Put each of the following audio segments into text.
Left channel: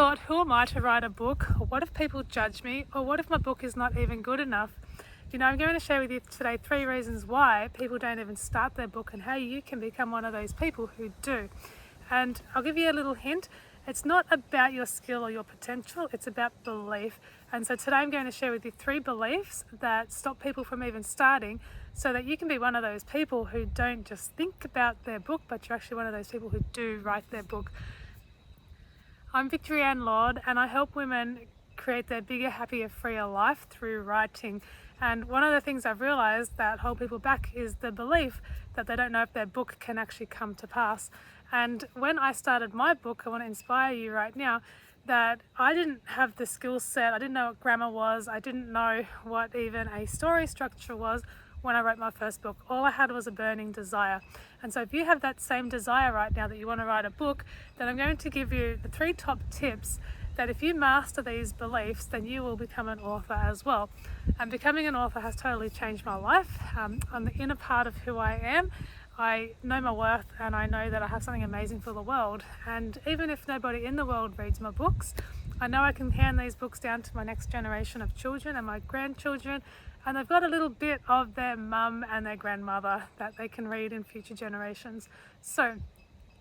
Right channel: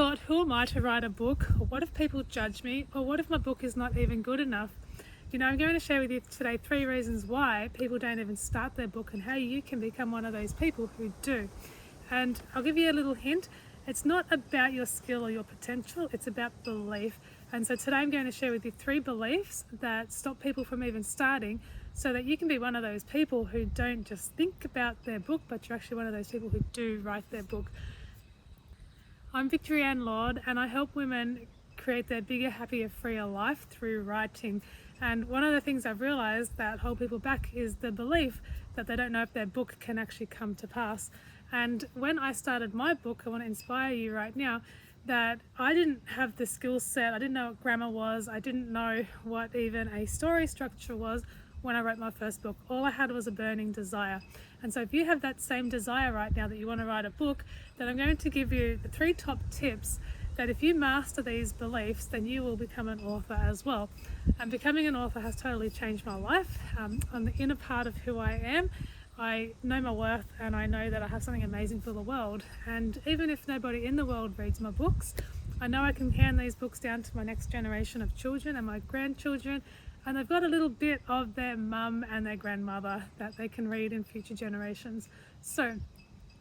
thought, who am I to write a book? Or what if people judge me? Or what if my book is not even good enough? I'm going to share with you today 3 reasons why people don't even start their book and how you can become one of those people who do. And I'll give you a little hint. It's not about your skill or your potential, it's about belief. And so today I'm going to share with you 3 beliefs that stop people from even starting, so that you can be one of those people who don't just think about their book, but you're actually one of those people who do write their book. I'm Victoria Ann Lord, and I help women create their bigger, happier, freer life through writing. And one of the things I've realized that hold people back is the belief that they don't know if their book can actually come to pass. And when I started my book, I want to inspire you right now that I didn't have the skill set, I didn't know what grammar was, I didn't know what even a story structure was when I wrote my first book. All I had was a burning desire. And so if you have that same desire right now that you want to write a book, then I'm going to give you the 3 top tips that if you master these beliefs, then you will become an author as well. And becoming an author has totally changed my life. On the inner part of who I am, I know my worth and I know that I have something amazing for the world. And even if nobody in the world reads my books, I know I can hand these books down to my next generation of children and my grandchildren, and they've got a little bit of their mum and their grandmother that they can read in future generations. So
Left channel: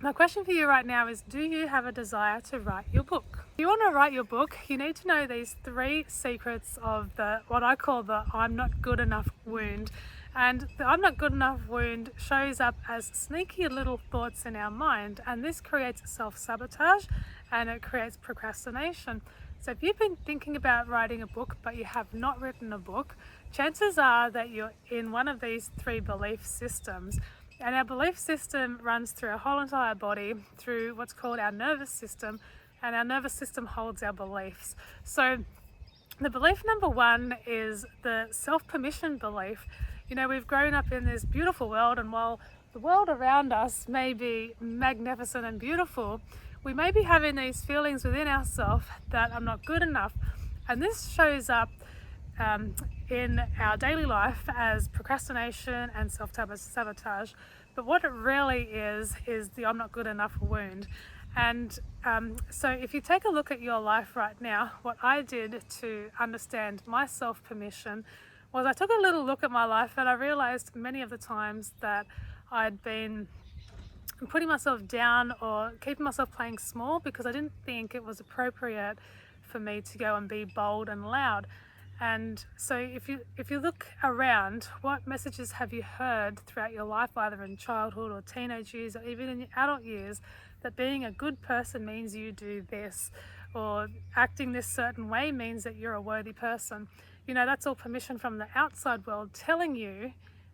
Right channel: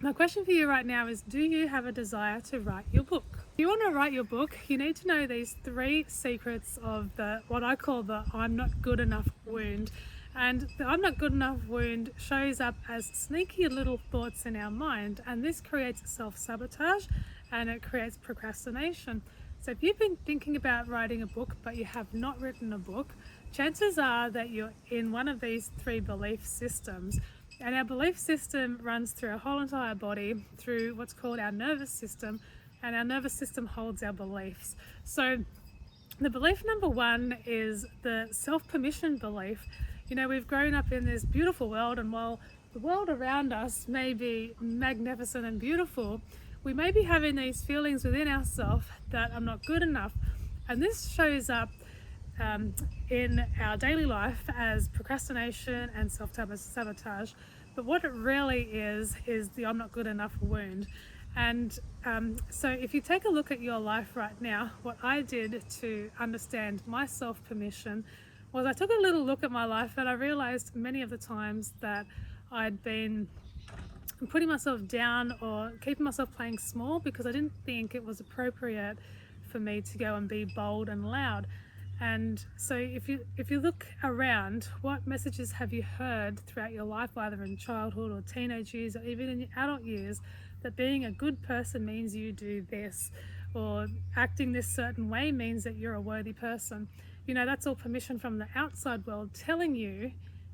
my question for you right now is, do you have a desire to write your book? If you want to write your book, you need to know these 3 secrets of what I call the I'm not good enough wound. And the I'm not good enough wound shows up as sneaky little thoughts in our mind, and this creates self-sabotage and it creates procrastination. So if you've been thinking about writing a book but you have not written a book, chances are that you're in one of these 3 belief systems. And our belief system runs through our whole entire body, through what's called our nervous system, and our nervous system holds our beliefs. So the belief number 1 is the self-permission belief. We've grown up in this beautiful world, and while the world around us may be magnificent and beautiful, we may be having these feelings within ourselves that I'm not good enough. And this shows up in our daily life as procrastination and self-sabotage. But what it really is the I'm not good enough wound. And so if you take a look at your life right now, what I did to understand my self-permission was I took a little look at my life, and I realized many of the times that I'd been putting myself down or keeping myself playing small because I didn't think it was appropriate for me to go and be bold and loud. And so if you look around, what messages have you heard throughout your life, either in childhood or teenage years or even in your adult years, that being a good person means you do this, or acting this certain way means that you're a worthy person? That's all permission from the outside world telling you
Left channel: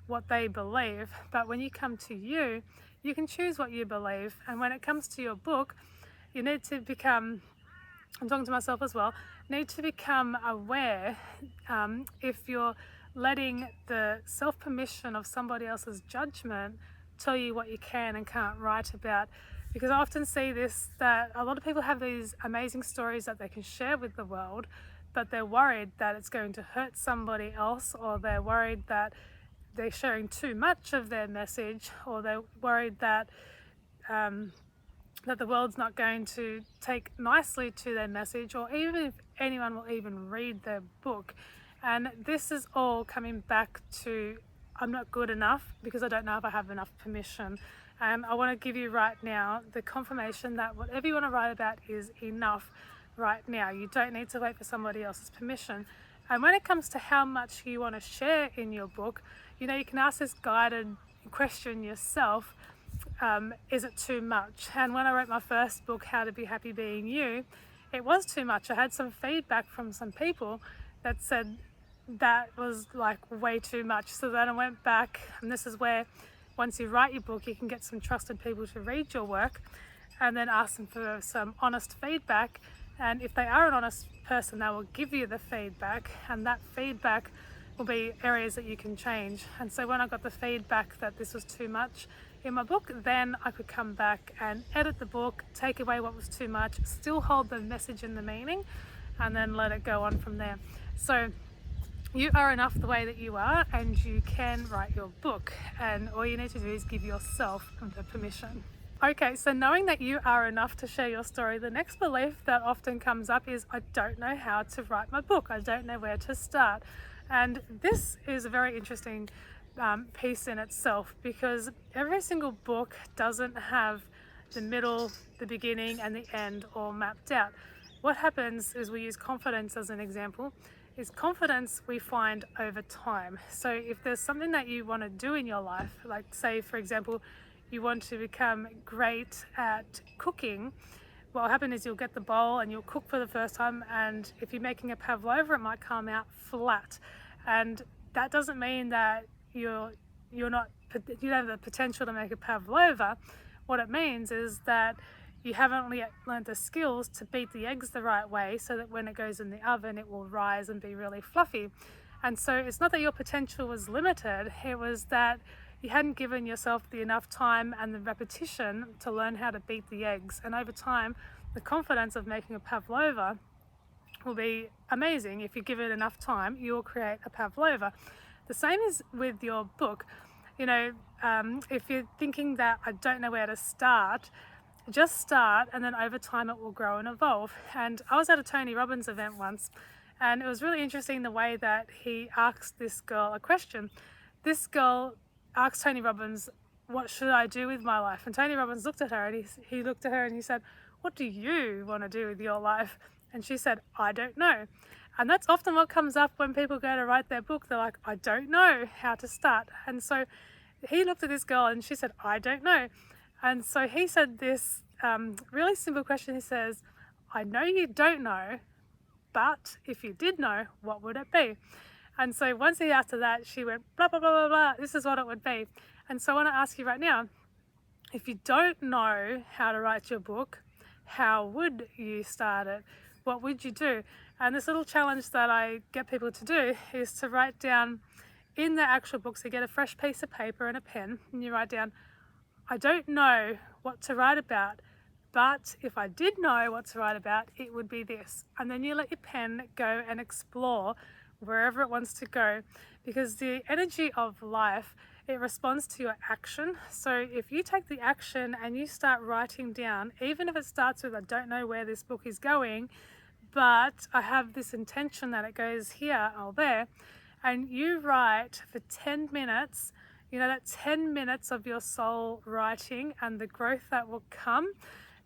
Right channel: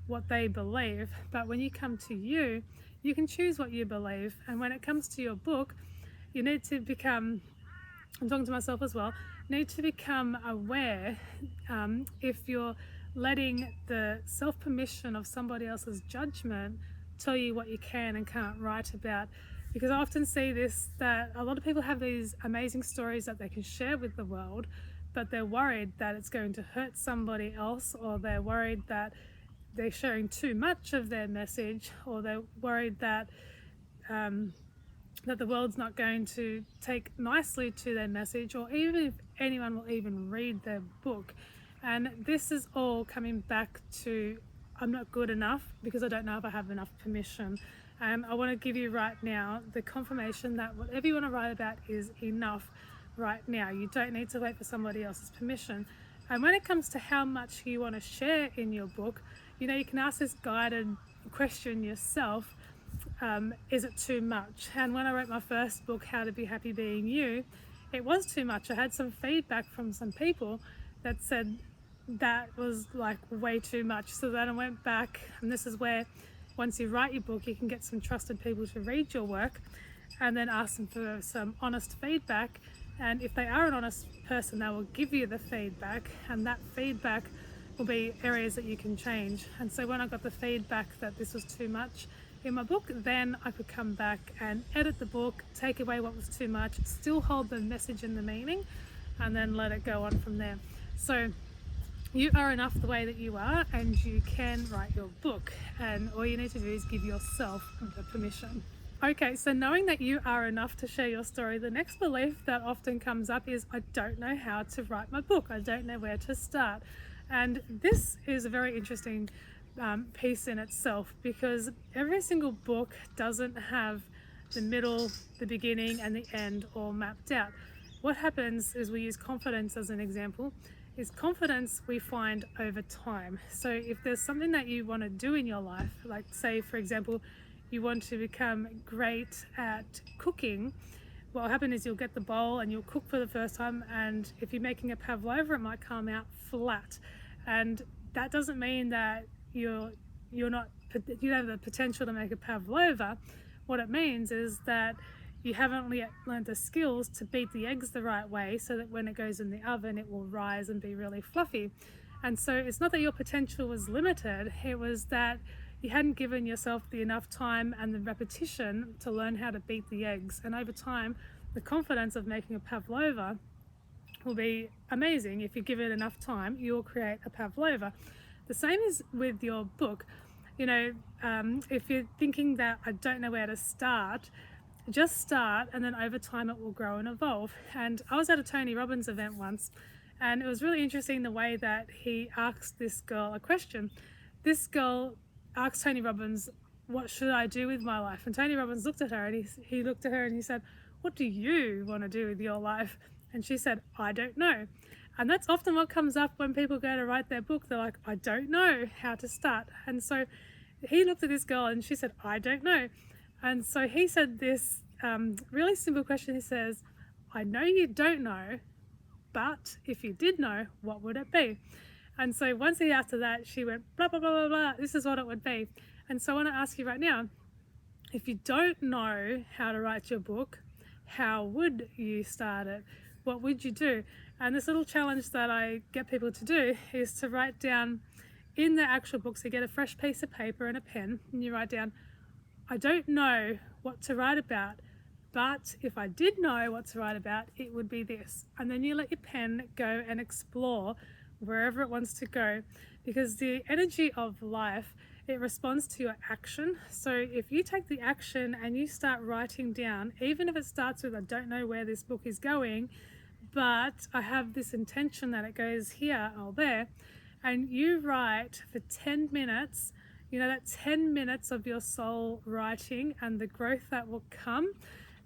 what they believe. But when you come to you, you can choose what you believe. And when it comes to your book, you need to become, I'm talking to myself as well, need to become aware if you're letting the self-permission of somebody else's judgment tell you what you can and can't write about. Because I often see this, that a lot of people have these amazing stories that they can share with the world, but they're worried that it's going to hurt somebody else, or they're worried that they're sharing too much of their message, or they're worried that that the world's not going to take nicely to their message, or even if anyone will even read their book. And this is all coming back to I'm not good enough because I don't know if I have enough permission. And I want to give you right now the confirmation that whatever you want to write about is enough right now. You don't need to wait for somebody else's permission. And when it comes to how much you want to share in your book, you can ask this guided question yourself. Is it too much? And when I wrote my first book, How to Be Happy Being You, it was too much. I had some feedback from some people that said that was like way too much. So then I went back, and this is where once you write your book, you can get some trusted people to read your work and then ask them for some honest feedback. And if they are an honest person, they will give you the feedback, and that feedback will be areas that you can change. And so when I got the feedback that this was too much in my book, then I could come back and edit the book, take away what was too much, still hold the message and the meaning, and then let it go on from there. So you are enough the way that you are, and you can write your book, and all you need to do is give yourself the permission. Okay, so knowing that you are enough to share your story, the next belief that often comes up is, I don't know how to write my book. I don't know where to start. And this is a very interesting piece in itself, because every single book doesn't have the middle, the beginning, and the end all mapped out. What happens is, we use confidence as an example, is confidence we find over time. So if there's something that you want to do in your life, like say for example, you want to become great at cooking, what will happen is you'll get the bowl and you'll cook for the first time, and if you're making a pavlova, it might come out flat. And that doesn't mean that you don't have the potential to make a pavlova. What it means is that you haven't yet learned the skills to beat the eggs the right way, so that when it goes in the oven it will rise and be really fluffy. And so it's not that your potential was limited, it was that you hadn't given yourself the enough time and the repetition to learn how to beat the eggs. And over time, the confidence of making a pavlova will be amazing. If you give it enough time, you'll create a pavlova. The same is with your book. You know, if you're thinking that I don't know where to start, just start, and then over time it will grow and evolve. And I was at a Tony Robbins event once, and it was really interesting the way that he asked this girl a question. This girl asked Tony Robbins, what should I do with my life? And Tony Robbins looked at her, and he looked at her and he said, what do you want to do with your life? And she said, I don't know. And that's often what comes up when people go to write their book. They're like, I don't know how to start. And so he looked at this girl and she said, I don't know. And so he said this really simple question. He says, I know you don't know, but if you did know, what would it be? And so once he asked her that, she went, blah, blah, blah, blah, blah, this is what it would be. And so I want to ask you right now, if you don't know how to write your book, how would you start it? What would you do? And this little challenge that I get people to do is to write down in the actual book, so you get a fresh piece of paper and a pen, and you write down, I don't know what to write about, but if I did know what to write about, it would be this. And then you let your pen go and explore wherever it wants to go, because the energy of life, it responds to your action. So if you take the action and you start writing down, even if it starts with, I don't know where this book is going, but I have this intention that it goes here or there, and you write for 10 minutes, you know, that 10 minutes of your soul writing and the growth that will come,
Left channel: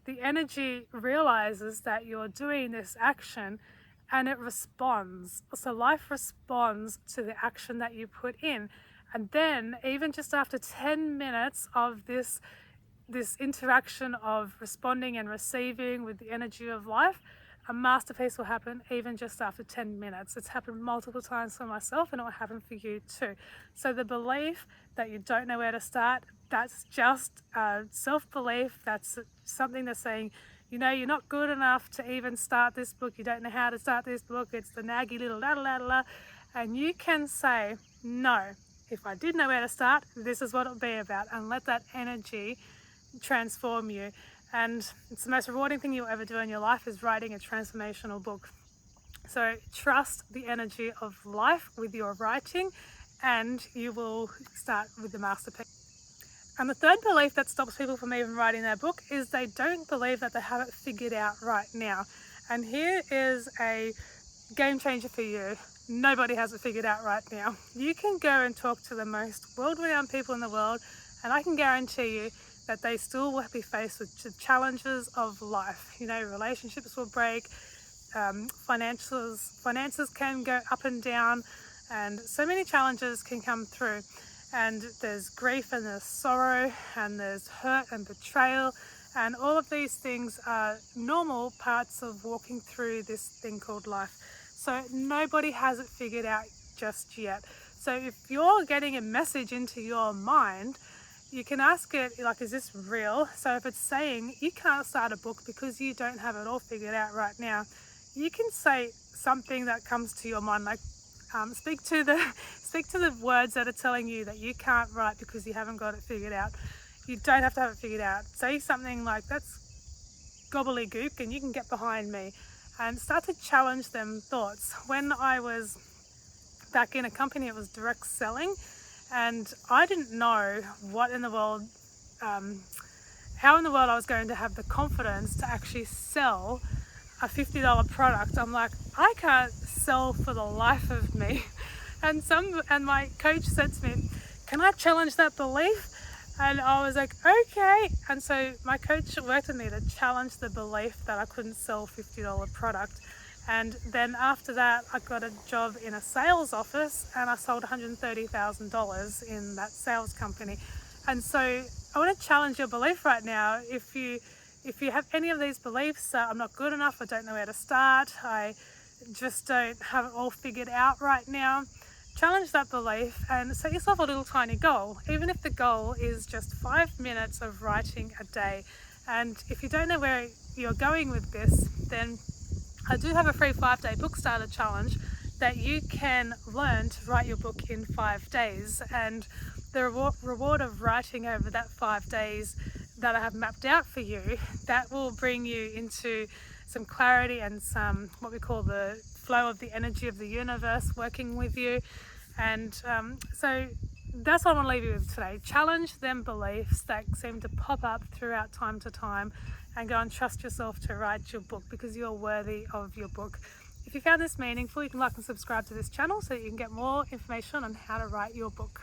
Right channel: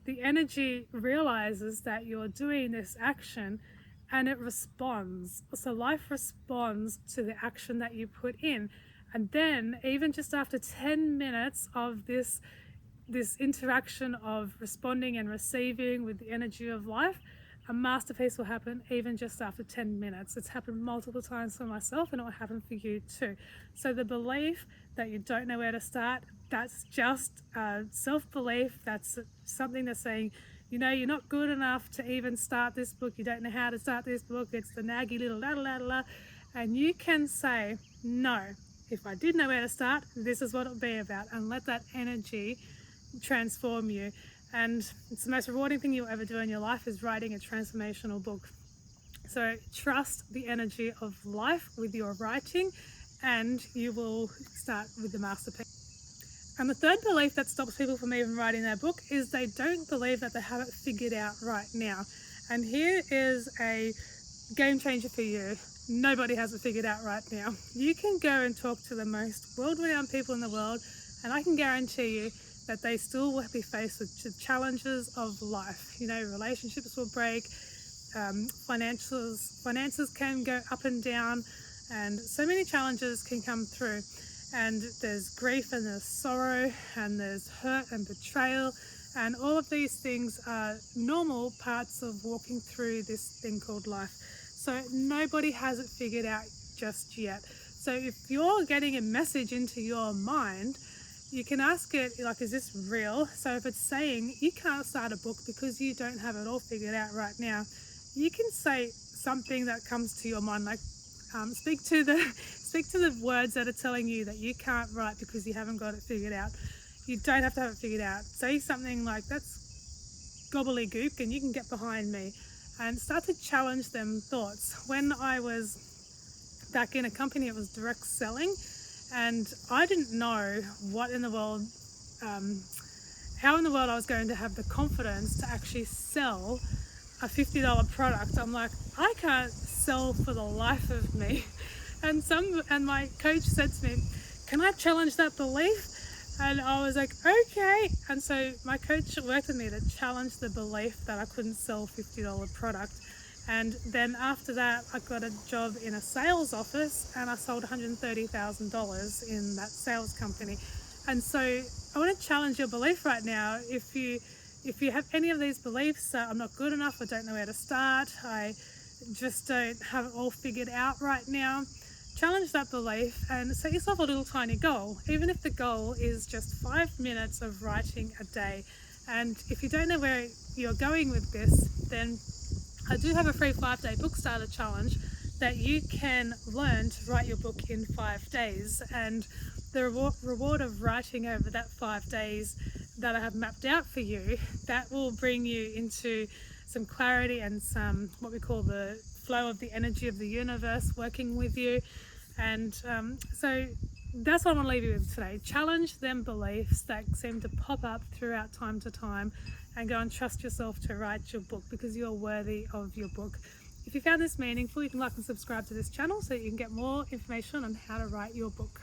the energy realizes that you're doing this action and it responds. So life responds to the action that you put in. And then even just after 10 minutes of this interaction of responding and receiving with the energy of life, a masterpiece will happen even just after 10 minutes. It's happened multiple times for myself, and it will happen for you too. So the belief that you don't know where to start, that's just self-belief. That's something that's saying, you know, you're not good enough to even start this book. You don't know how to start this book. It's the naggy little la la la. And you can say, no, if I did know where to start, this is what it would be about, and let that energy transform you. And it's the most rewarding thing you'll ever do in your life, is writing a transformational book. So trust the energy of life with your writing, and you will start with the masterpiece. And the third belief that stops people from even writing their book is they don't believe that they have it figured out right now. And here is a game changer for you. Nobody has it figured out right now. You can go and talk to the most world-renowned people in the world, and I can guarantee you that they still will be faced with the challenges of life. You know, relationships will break, finances can go up and down, and so many challenges can come through. And there's grief, and there's sorrow, and there's hurt and betrayal, and all of these things are normal parts of walking through this thing called life. So nobody has it figured out just yet. So if you're getting a message into your mind, you can ask it, like, is this real? So if it's saying you can't start a book because you don't have it all figured out right now, you can say something that comes to your mind, like speak to the words that are telling you that you can't write because you haven't got it figured out. You don't have to have it figured out. Say something like, that's gobbledygook, and you can get behind me, and start to challenge them thoughts. When I was back in a company, it was direct selling, and I didn't know what in the world, how in the world I was going to have the confidence to actually sell a $50 product. I'm like, I can't sell for the life of me. And my coach said to me, can I challenge that belief? And I was like, okay. And so my coach worked with me to challenge the belief that I couldn't sell a $50 product. And then after that, I got a job in a sales office and I sold $130,000 in that sales company. And so I want to challenge your belief right now. If you have any of these beliefs, I'm not good enough, I don't know where to start, I just don't have it all figured out right now, challenge that belief and set yourself a little tiny goal, even if the goal is just 5 minutes of writing a day. And if you don't know where you're going with this, then I do have a free 5-day book starter challenge that you can learn to write your book in 5 days. And the reward of writing over that 5 days that I have mapped out for you, that will bring you into some clarity and some what we call the flow of the energy of the universe working with you. And so that's what I want to leave you with today. Challenge them beliefs that seem to pop up throughout time to time and go and trust yourself to write your book, because you're worthy of your book. If you found this meaningful, you can like and subscribe to this channel so that you can get more information on how to write your book.